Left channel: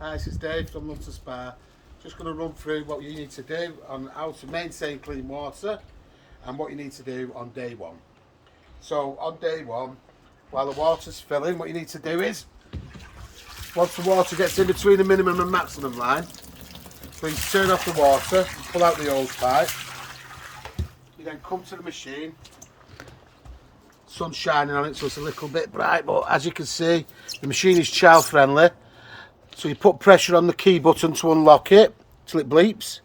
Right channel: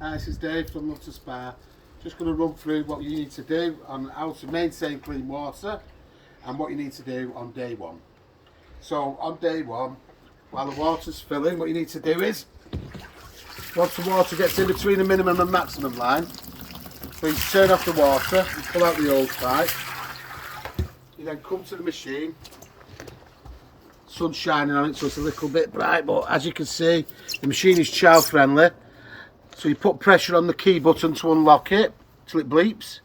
Hi, this is Dave from Nutter Spa. Just going to run through what you need to do on how to maintain clean water and what you need to do on day one. So on day one, while the water's filling, what you need to do is, once the water gets in between the minimum and maximum line, please turn off the water and pull out the hose pipe. You then come to the machine. Sun's shining on it, so it's a little bit bright, but as you can see, the machine is child friendly. So you put pressure on the key button to unlock it till it bleeps,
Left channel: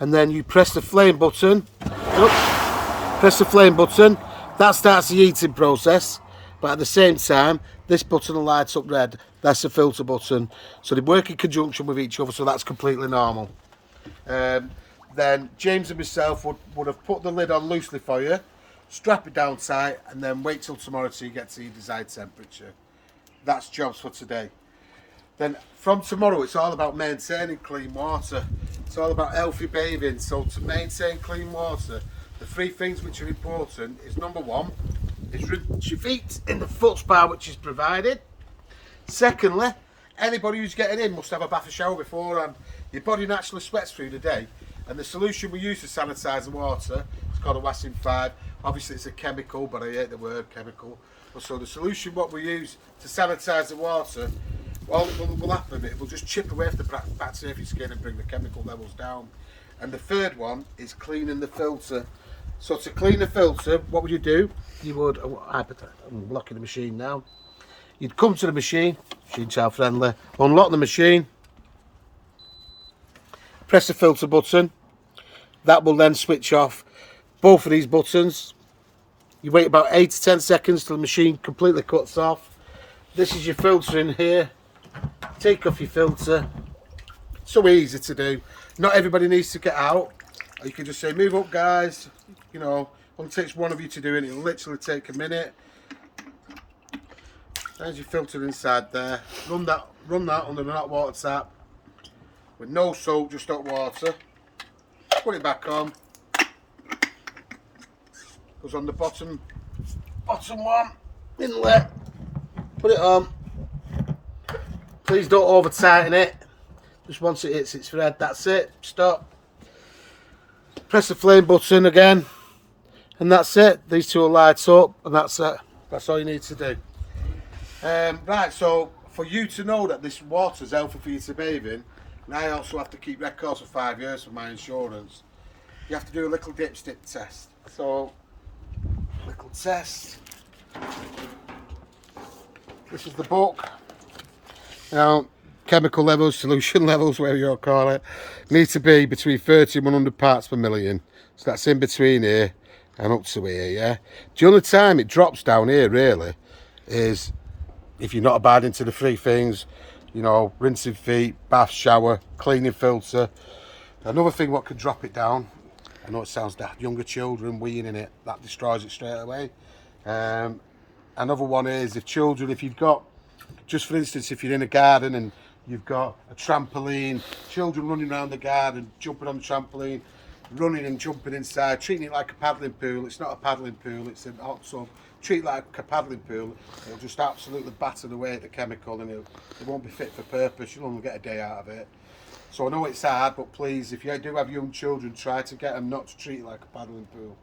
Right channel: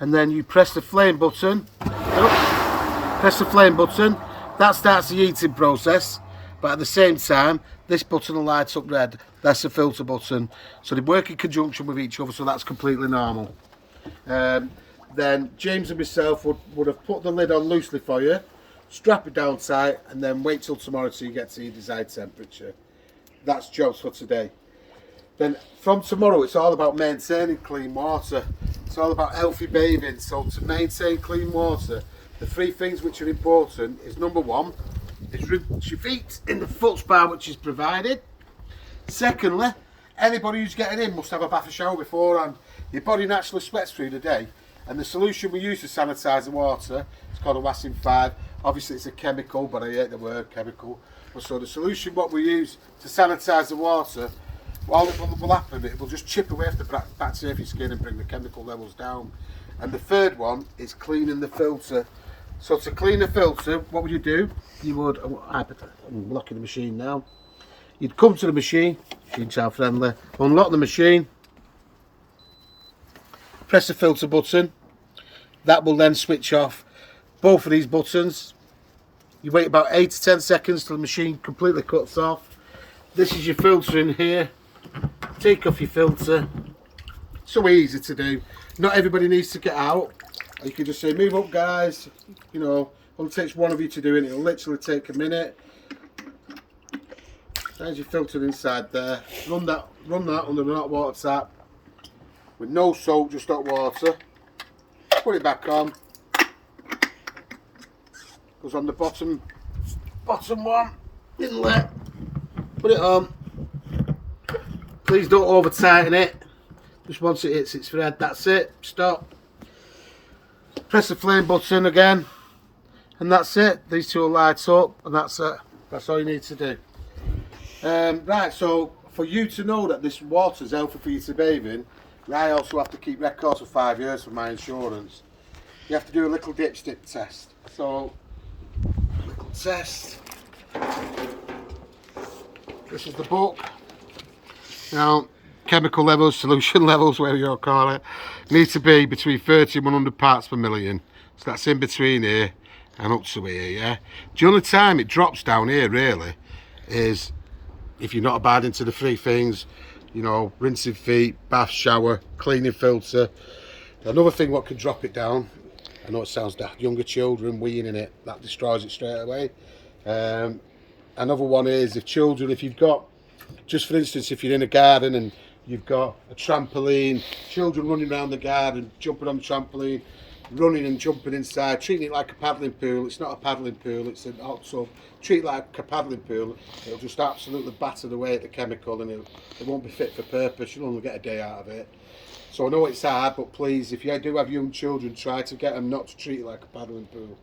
and then you press the flame button. Press the flame button. That starts the heating process, but at the same time, this button will light up red. That's the filter button. So they work in conjunction with each other, so that's completely normal. Then James and myself would have put the lid on loosely for you, strap it down tight, and then wait till tomorrow till you get to your desired temperature. That's jobs for today. Then from tomorrow, it's all about maintaining clean water. It's all about healthy bathing. So to maintain clean water, the three things which are important is, number one, is rinse your feet in the foot spa which is provided. Secondly, anybody who's getting in must have a bath or shower beforehand. Your body naturally sweats through the day, and the solution we use to sanitise the water is called a Wassim 5. Obviously it's a chemical, but I hate the word chemical. So the solution what we use to sanitise the water, all that will happen, it will just chip away the bacteria off your skin and bring the chemical levels down. And the third one is cleaning the filter. So to clean the filter, what would you do? You would, I'm locking the machine now. You'd come to the machine child friendly, unlock the machine, press the filter button. That will then switch off both of these buttons. You wait about 8 to 10 seconds till the machine completely cuts off. This is your filter in here. Take off your filter. So easy to do. Not everybody needs to get out. You can just say, move up guys. You know, only takes one of you to do it. It'll literally take a minute. There's your filter inside there. Run that under the hot water tap with no soap, just hot water. Put it back on. Goes on the bottom one. Inlet. Put it on. Please don't over tighten it. Just once it hits its thread, that's it. Stop. Press the flame button again, and that's it. These two will light up, and that's it. That's all you need to do. Right, so for you to know that this water is healthy for you to bathe in, I also have to keep records for 5 years for my insurance. You have to do a little dipstick test. So, little test. This is the book. Now, chemical levels, solution levels, whatever you call it, need to be between 30 and 100 parts per million. So that's in between here and up to here, yeah? The only time it drops down here, really, is if you're not abiding to the three things, you know, rinsing feet, bath, shower, cleaning filter. Another thing what could drop it down, I know it sounds daft, younger children weeing in it, that destroys it straight away. Another one is if you've got, just for instance, if you're in a garden and you've got a trampoline, children running around the garden, jumping on the trampoline, running and jumping inside, treating it like a paddling pool. It's not a paddling pool, it's a hot tub. Treat it like a paddling pool, it'll just absolutely batter away at the chemical, and it won't be fit for purpose. You'll only get a day out of it. So I know it's hard, but please, if you do have young children, try to get them not to treat it like a paddling pool.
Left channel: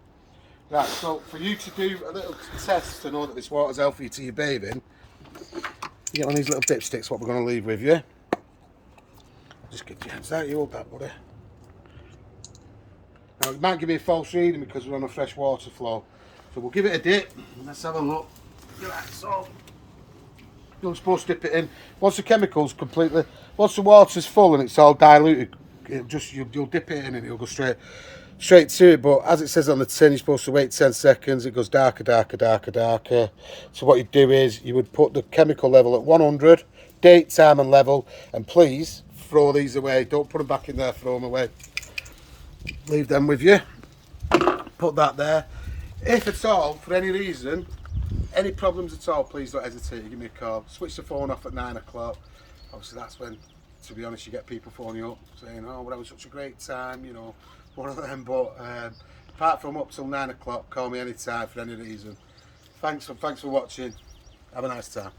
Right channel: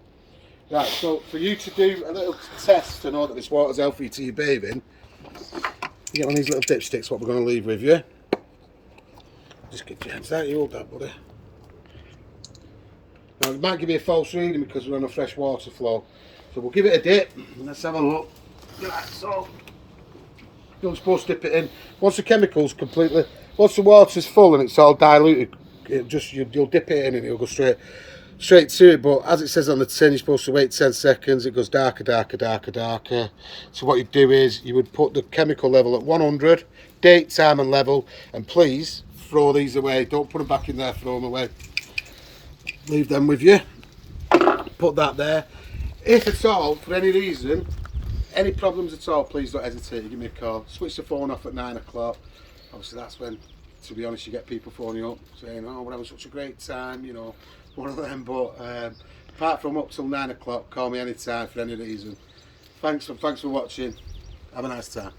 Right, so for you to do a little test to know that this water's healthy to your bathing, you get one of these little dipsticks, what we're going to leave with you. Just get your hands there, you hold that, buddy. Now it might give you a false reading because we're on a fresh water flow. So we'll give it a dip, and let's have a look. Right, so you're not supposed to dip it in. Once the chemical's completely, once the water's full and it's all diluted, you'll dip it in and it'll go straight to it. But as it says on the tin, you're supposed to wait 10 seconds. It goes darker, darker, darker, darker. So what you'd do is you would put the chemical level at 100, date, time and level, and please throw these away. Don't put them back in there, throw them away. Leave them with you. Put that there. If at all, for any reason, any problems at all, please don't hesitate to give me a call. Switch the phone off at 9 o'clock. Obviously that's when, to be honest, you get people phoning up saying, oh, we're having such a great time, you know, one of them. But apart from up till 9 o'clock, call me anytime for any reason. Thanks for watching. Have a nice time.